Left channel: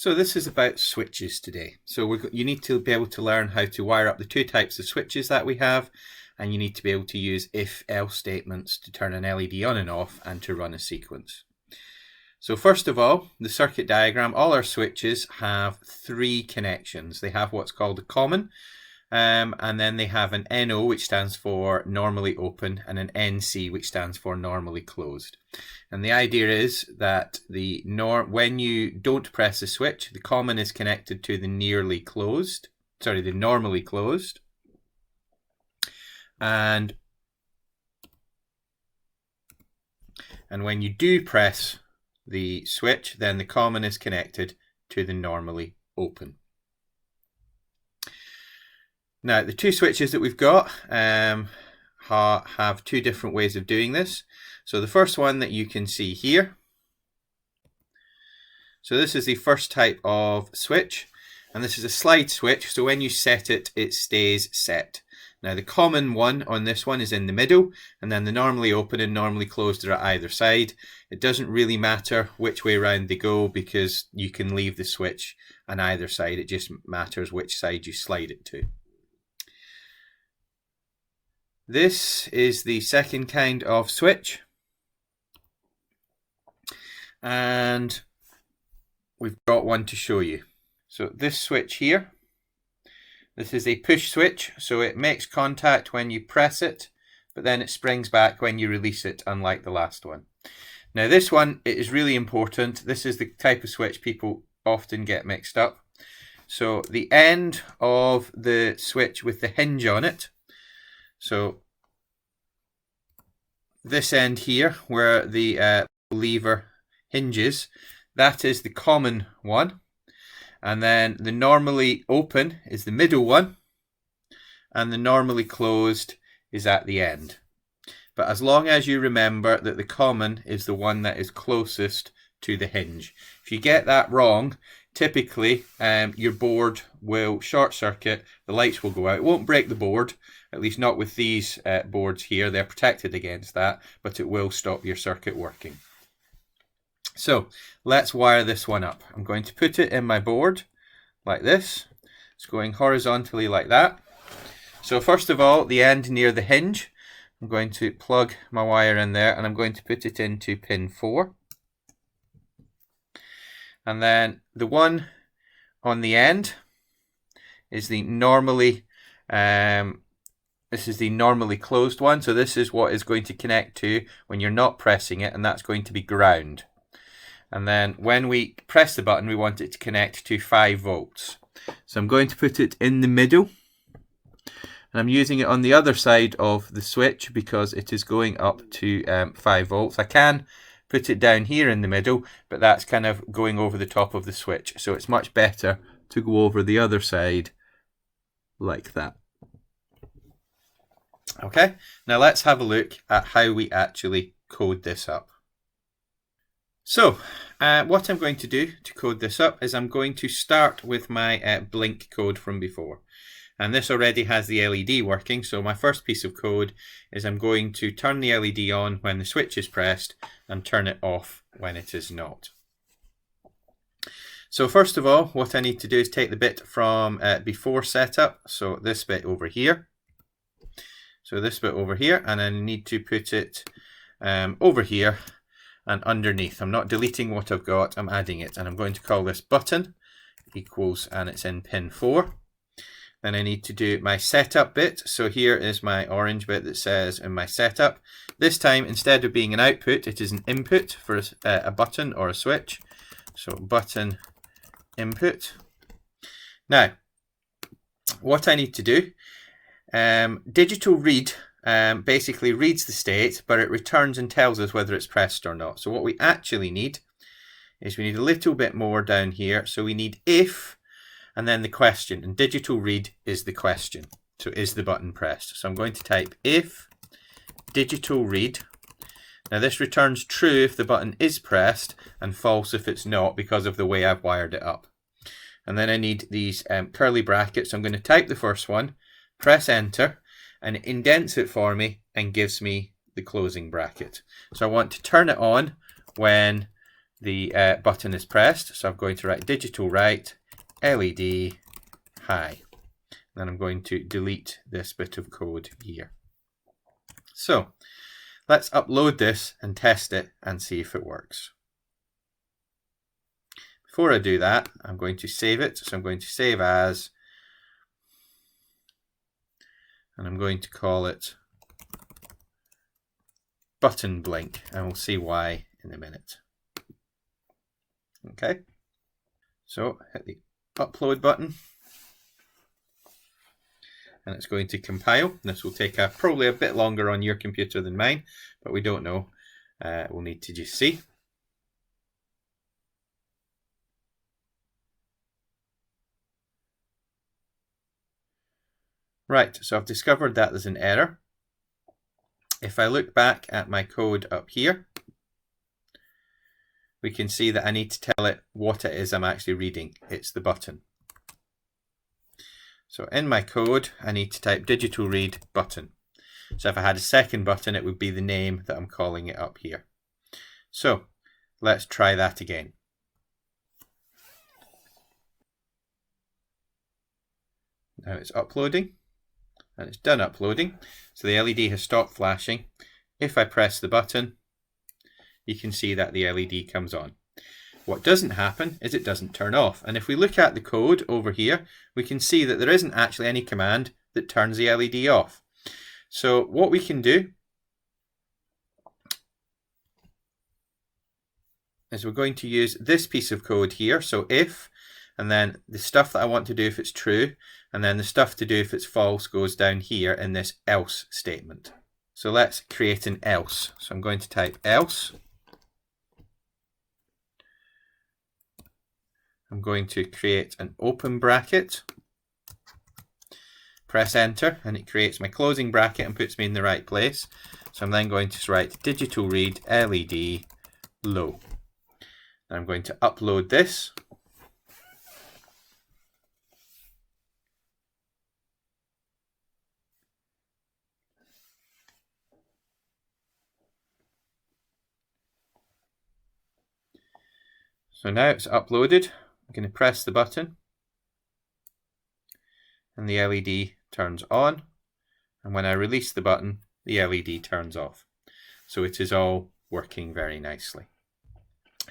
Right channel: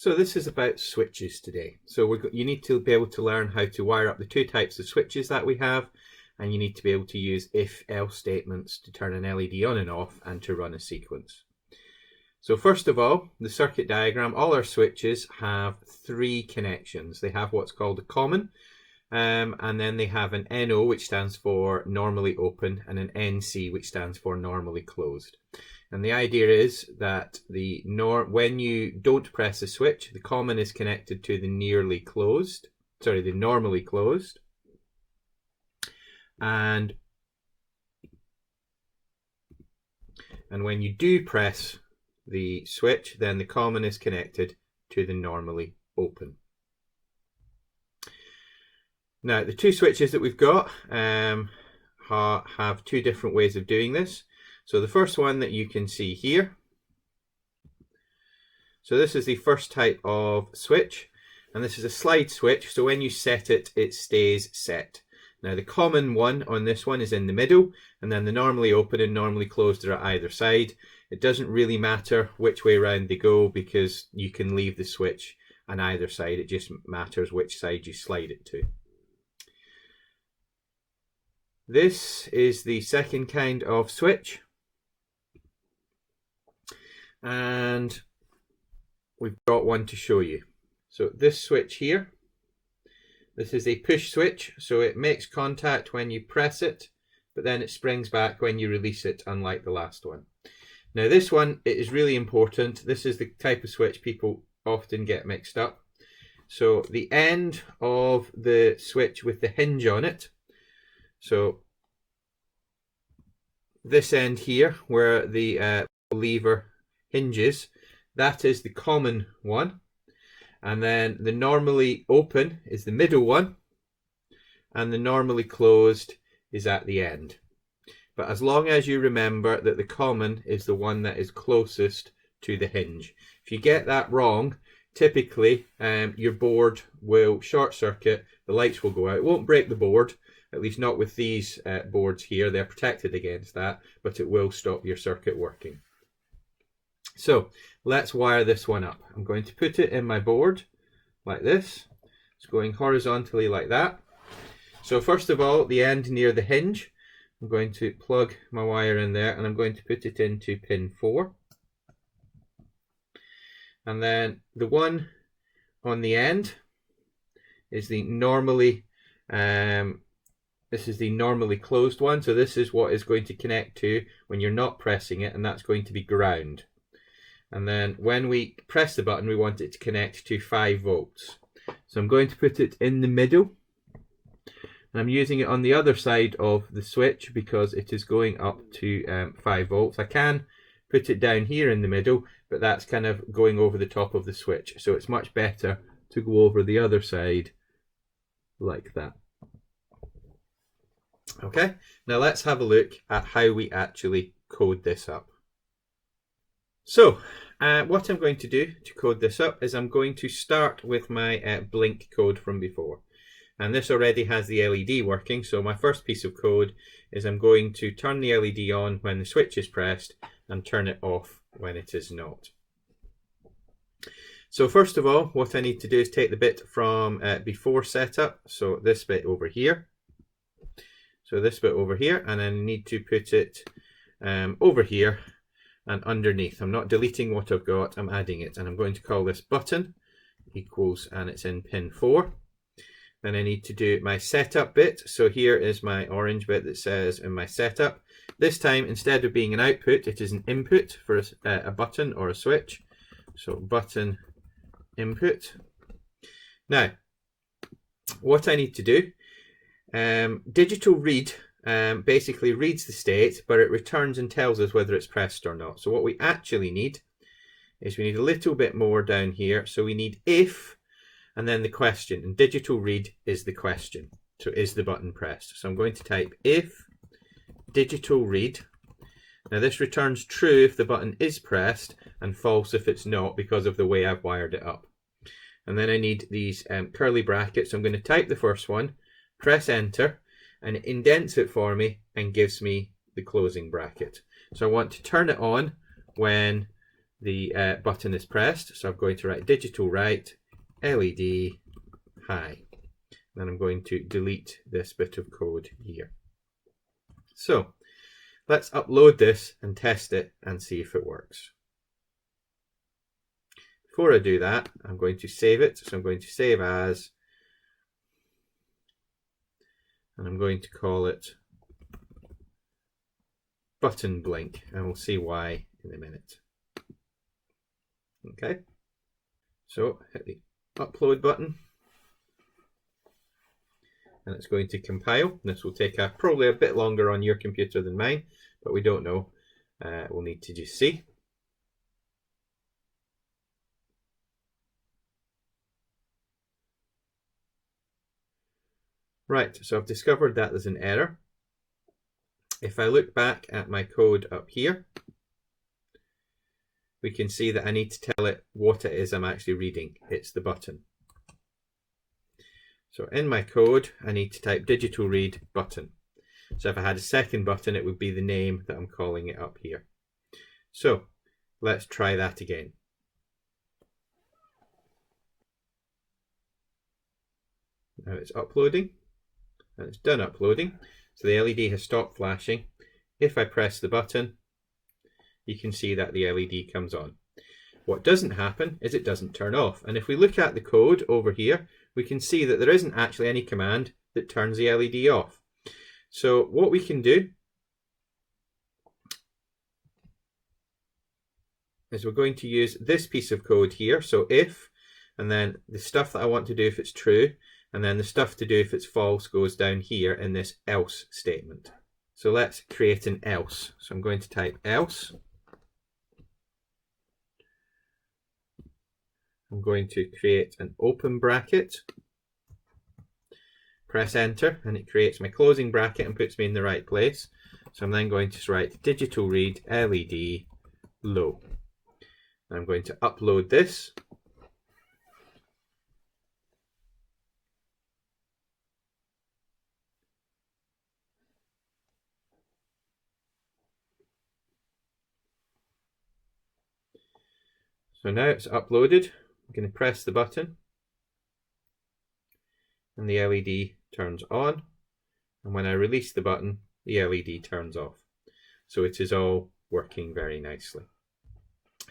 So this is about switches today. So you need to be able to learn how to wire up the two types of switches that we have, and you need to be able to use if-else statements to turn an LED on and off and to run a sequence. So first of all, the circuit diagram, all our switches have three connections. They have what's called a common, and then they have an NO, which stands for normally open, and an NC, which stands for normally closed. And the idea is that when you don't press a switch, the common is connected to the normally closed. And when you do press the switch, then the common is connected to the normally open. Now, the two switches that we've got have two different ways of doing this. So the first one that you can see here, so this is the first type of switch, and this is a slide switch, so when you set it, it stays set. Now the common one on this one is in the middle, and then the normally open and normally closed are at either side. It doesn't really matter which way around they go because you can leave the switch on either side, it just matters which side you slide it to. This is the second kind of switch. And we've got one to show you. So this switch here, this is a push switch, so it makes contact when you press it, but then it springs back when you release it, unlike the last one. Now this one, it is really important. This is the type of switch people often get mixed up. So the end of the switch with the hinge on it, so this end here where the lever hinges, that is the common one, and then the normally open is the middle one, and the normally closed is at the end. But as long as you remember that the common is the one that is closest to the hinge. If you get that wrong, typically your board will short circuit, the lights will go out. It won't break the board, at least not with these boards here, they're protected against that, but it will stop your circuit working. So let's wire this one up. I'm going to put it in my board like this. It's going horizontally like that. So first of all, the end near the hinge, I'm going to plug my wire in there and I'm going to put it into pin 4. And then the one on the end is the normally, this is the normally closed one. So this is what is going to connect to when you're not pressing it, and that's going to be ground. And then when we press the button, we want it to connect to 5 volts. So I'm going to put it in the middle. And I'm using it on the other side of the switch because it is going up to 5 volts. I can put it down here in the middle, but that's kind of going over the top of the switch. So it's much better to go over the other side like that. Okay, now let's have a look at how we actually code this up. So what I'm going to do to code this up is I'm going to start with my blink code from before. And this already has the LED working, so my first piece of code is I'm going to turn the LED on when the switch is pressed and turn it off when it is not. So first of all, what I need to do is take the bit from before setup, so this bit over here. So this bit over here, and I need to put it over here and underneath. I'm not deleting what I've got, I'm adding it, and I'm going to call this button equals, and it's in pin 4. Then I need to do my setup bit. So here is my orange bit that says in my setup. This time, instead of being an output, it is an input for a button or a switch. So button input. Now, what I need to do, digital read basically reads the state, but it returns and tells us whether it's pressed or not. So what we actually need is we need a little bit more down here. So we need if, and then the question, and digital read is the question. So is the button pressed? So I'm going to type if digital read. Now this returns true if the button is pressed and false if it's not, because of the way I've wired it up. And then I need these curly brackets. So I'm going to type the first one, press enter, and it indents it for me and gives me the closing bracket. So I want to turn it on when the button is pressed. So I'm going to write digital write LED high. Then I'm going to delete this bit of code here. So let's upload this and test it and see if it works. Before I do that, I'm going to save it. So I'm going to save as, and I'm going to call it button blink, and we'll see why in a minute. Okay, so hit the upload button, and it's going to compile. This will take probably a bit longer on your computer than mine, but we don't know. We'll need to just see. Right, so I've discovered that there's an error. If I look back at my code up here, we can see that I need to tell it what it is I'm actually reading. It's the button. So in my code, I need to type digital read button. So if I had a second button, it would be the name that I'm calling it up here. So let's try that again. Now it's uploading, and it's done uploading. So the LED has stopped flashing. If I press the button, you can see that the LED comes on. What doesn't happen is it doesn't turn off. And if we look at the code over here, we can see that there isn't actually any command that turns the LED off. So what we can do is we're going to use this piece of code here. So if, and then the stuff that I want to do if it's true, and then the stuff to do if it's false goes down here in this else statement. So let's create an else. So I'm going to type else. I'm going to create an open bracket, press enter, and it creates my closing bracket and puts me in the right place. So I'm then going to write digital read LED low. And I'm going to upload this. So now it's uploaded. I'm going to press the button and the LED turns on, and when I release the button, the LED turns off. So it is all working very nicely.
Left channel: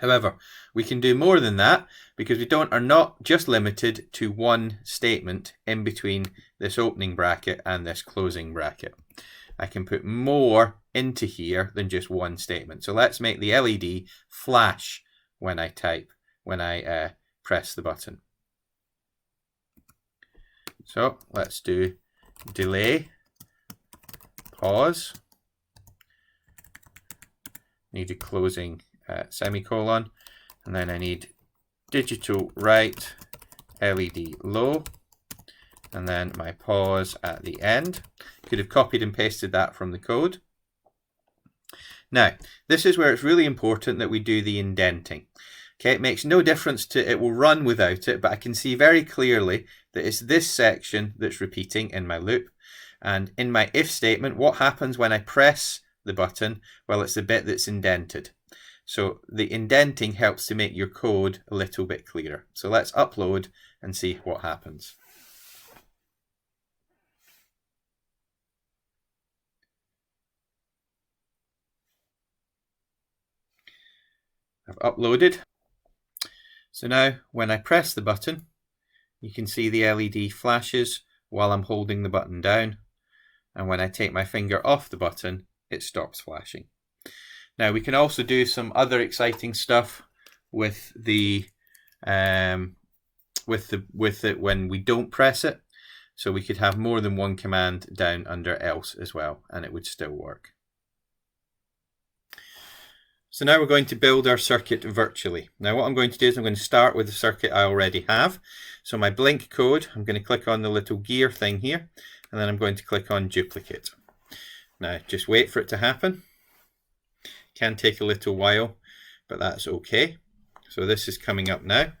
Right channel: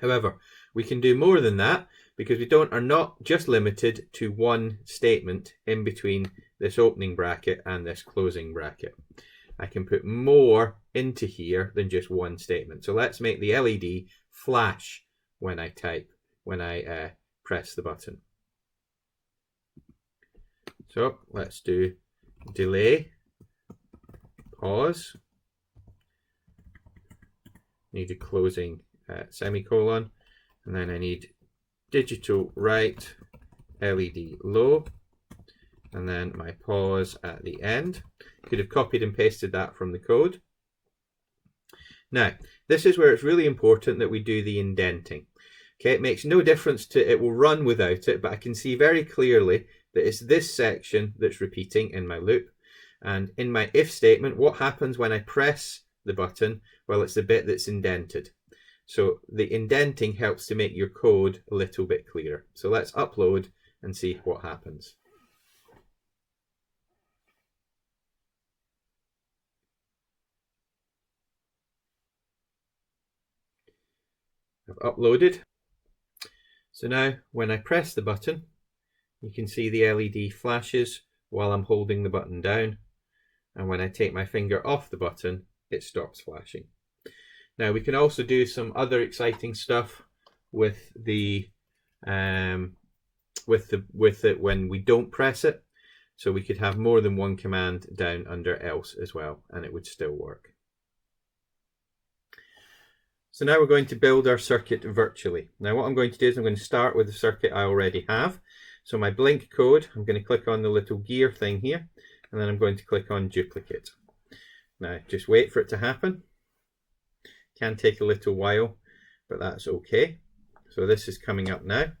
However, we can do more than that because we are not just limited to one statement in between this opening bracket and this closing bracket. I can put more into here than just one statement. So let's make the LED flash when I press the button. So let's do delay, pause, need a closing semicolon, and then I need digital write LED low, and then my pause at the end. Could have copied and pasted that from the code. Now, this is where it's really important that we do the indenting. Okay, it makes no difference to, it will run without it, but I can see very clearly that it's this section that's repeating in my loop. And in my if statement, what happens when I press the button? Well, it's the bit that's indented. So the indenting helps to make your code a little bit clearer. So let's upload and see what happens. I've uploaded. So now when I press the button, you can see the LED flashes while I'm holding the button down. And when I take my finger off the button, it stops flashing. Now we can also do some other exciting stuff with it when we don't press it. So we could have more than one command down under else as well, and it would still work. So now we're going to build our circuit virtually. Now what I'm going to do is I'm going to start with the circuit I already have. So my blink code, I'm going to click on the little gear thing here, and then I'm going to click on duplicate. Now just wait for it to happen. Can take a little while, but that's okay. So this is coming up now.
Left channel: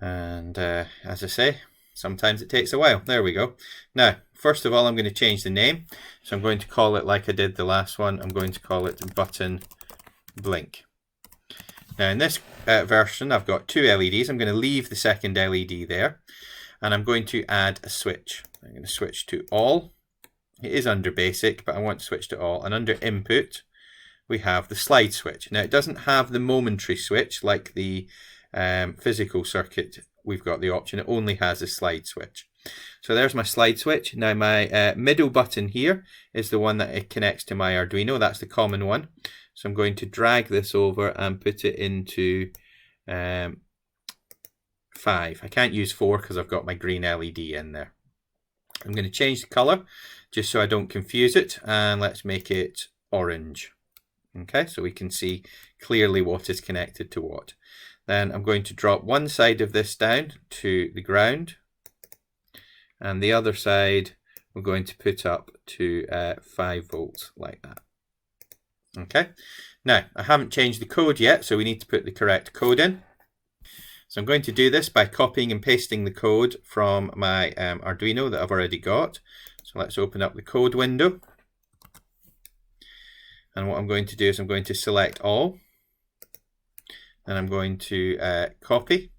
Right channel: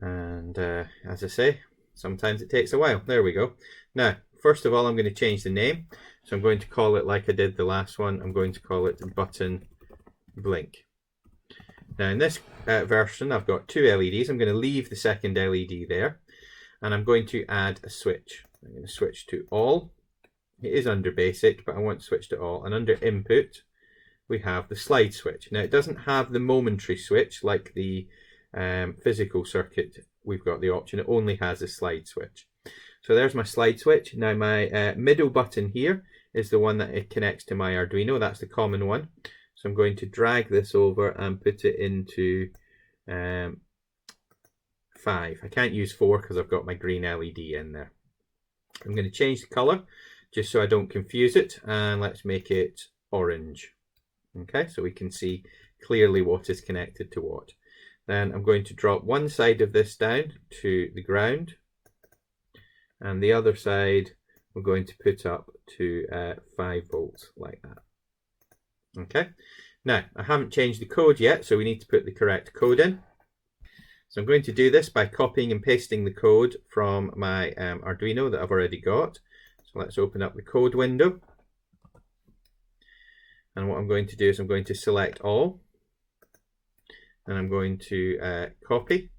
And as I say, sometimes it takes a while. There we go. Now, first of all, I'm going to change the name. So I'm going to call it like I did the last one. I'm going to call it button blink. Now in this version I've got 2 LEDs. I'm going to leave the second LED there, and I'm going to add a switch. I'm going to switch to all. It is under basic, but I want to switch to all, and under input we have the slide switch. Now it doesn't have the momentary switch like the physical circuit. We've got the option, it only has a slide switch. So there's my slide switch. Now my middle button here is the one that it connects to my Arduino. That's the common one. So I'm going to drag this over and put it into 5. I can't use 4 because I've got my green LED in there. I'm going to change the color just so I don't confuse it, and let's make it orange. Okay, so we can see clearly what is connected to what. Then I'm going to drop one side of this down to the ground, and the other side we're going to put up to 5 volts like that. Okay, now I haven't changed the code yet, so we need to put the correct code in. So I'm going to do this by copying and pasting the code from my Arduino that I've already got. So let's open up the code window. And what I'm going to do is I'm going to select all, and I'm going to copy.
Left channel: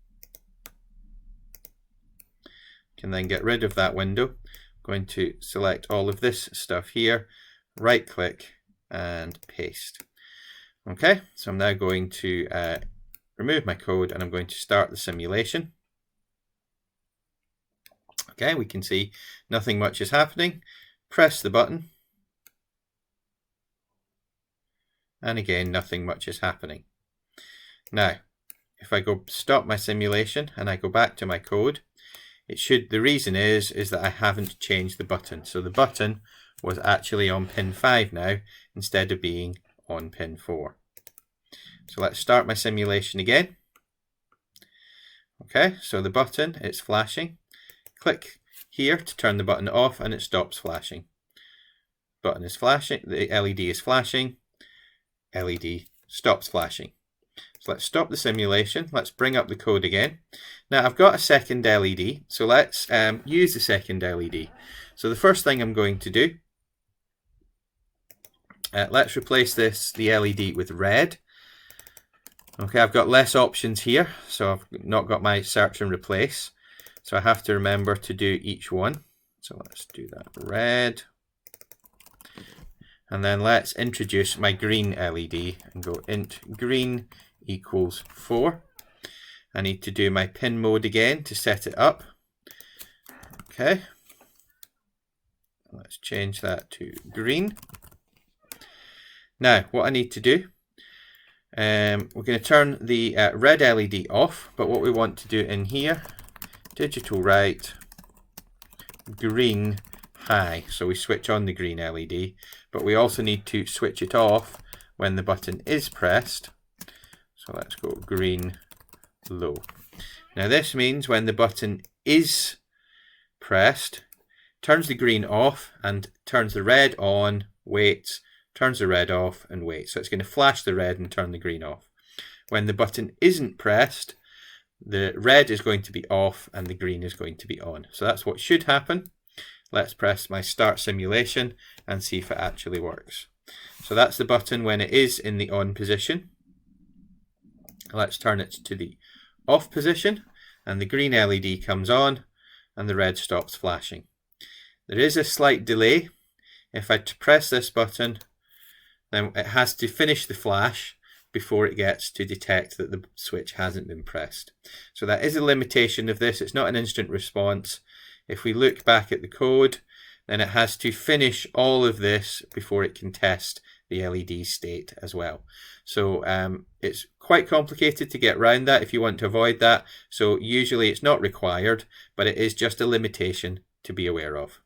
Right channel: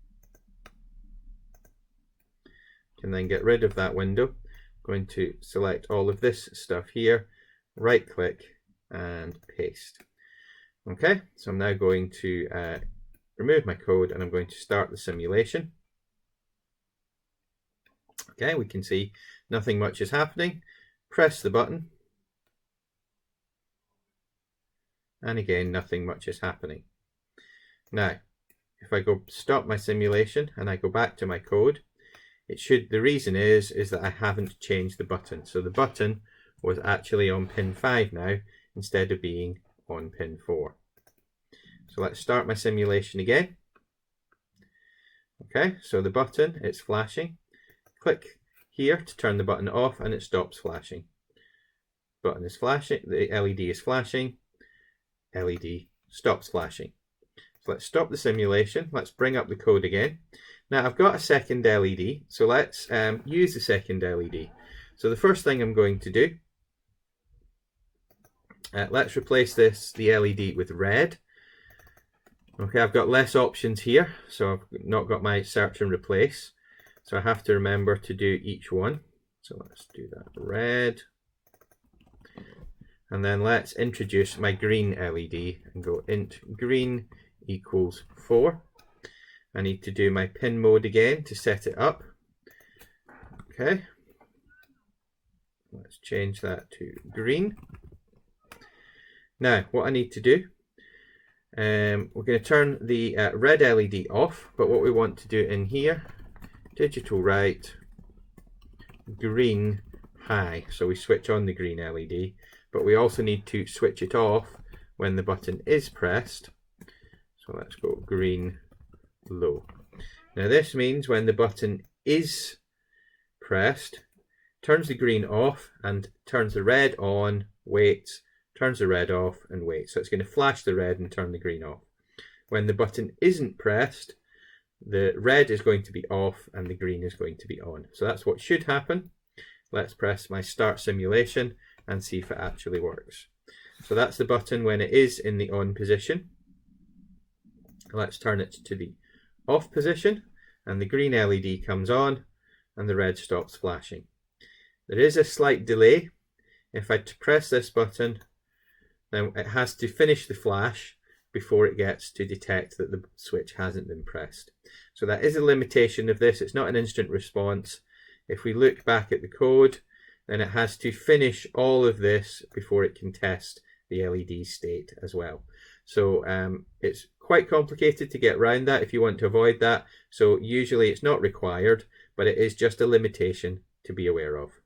Can then get rid of that window. I'm going to select all of this stuff here, right click and paste. Okay, so I'm now going to remove my code, and I'm going to start the simulation. Okay, we can see nothing much is happening. Press the button, and again nothing much is happening. Now if I go stop my simulation and I go back to my code, it should, the reason is that I haven't changed the button. So the button was actually on pin 5 now instead of being on pin 4. So let's start my simulation again. Okay, so the button, it's flashing. Click here to turn the button off and it stops flashing. Button is flashing, the LED is flashing, LED stops flashing. So let's stop the simulation. Let's bring up the code again. Now I've got a second LED, so let's use the second LED. So the first thing I'm going to do, let's replace the LED with red. Okay, I've got less options here, so I've not got my search and replace. So I have to remember to do each one. So let's do that red. And then let's introduce my green LED and go int green equals 4. I need to do my pin mode again to set it up. Okay. Let's change that to green. Now, what I need to do, we're going to turn the red LED off, but what we want to do in here, digital right, green high. So we switch on the green LED, but we also need to switch it off when the button is pressed. So let's go green low. Now this means when the button is pressed, turns the green off and turns the red on, waits, turns the red off and waits. So it's going to flash the red and turn the green off. When the button isn't pressed, the red is going to be off and the green is going to be on. So that's what should happen. Let's press my start simulation and see if it actually works. So that's the button when it is in the on position. Let's turn it to the off position and the green LED comes on and the red stops flashing. There is a slight delay. If I press this button, then it has to finish the flash before it gets to detect that the switch hasn't been pressed. So that is a limitation of this. It's not an instant response. If we look back at the code, then it has to finish all of this before it can test the LED state as well. So it's quite complicated to get around that if you want to avoid that. So usually it's not required, but it is just a limitation to be aware of.